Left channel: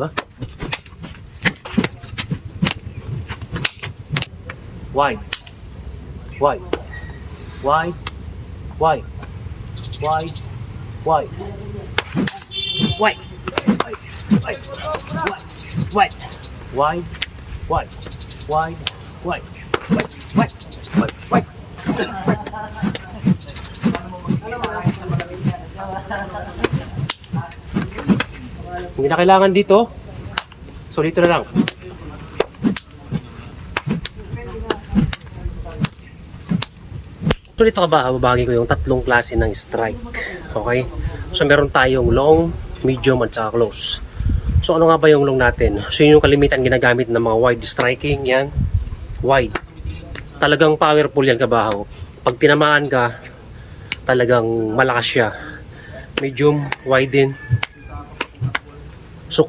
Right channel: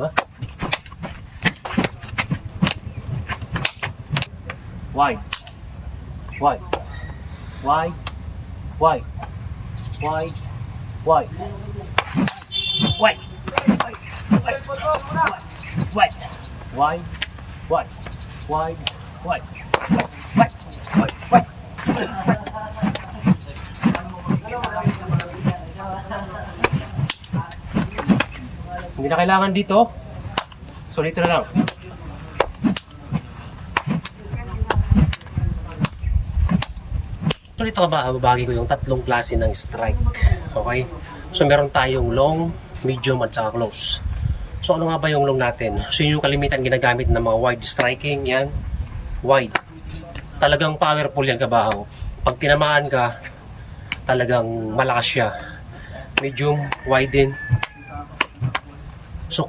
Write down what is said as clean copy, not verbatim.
Diba? Wide. Wide. Wide. Wide. Wide. Wide. Wide. Wide. Wide. Wide. Wide. Wide. Wide. Wide. Wide. Hindi na kailangan dito. So dito na lang. So dito babahagi ko yung tatlong klase ng strike. Okay? So meron tayong long, medium at saka close. So ano nga ba yung long natin? So yun yung kalimitan ginagamit ng mga wide striking. Yan. Wide. Talagang powerful yan kabahaw. Pag tinamaan ka, talagang malakas siya. Medium, wide din.